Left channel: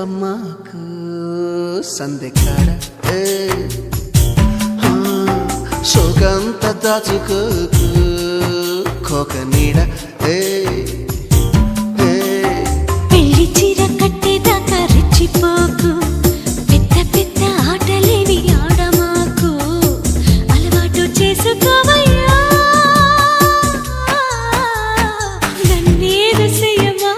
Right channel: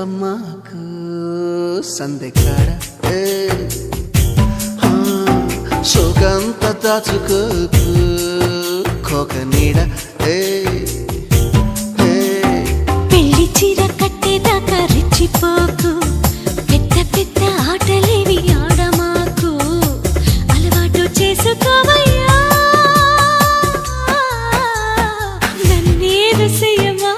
చెప్పమ్మాకు సందెకాడ సోకంత దాచుకోకు కోక నీడ పెళ్లి చీర కట్టేదాకా రెచ్చిపోకు పెద్ద పెద్ద ఆటలేవి ఆడమాకు అలవాటు చేసుకోవయ్యా నన్నేదు చెయ్యమా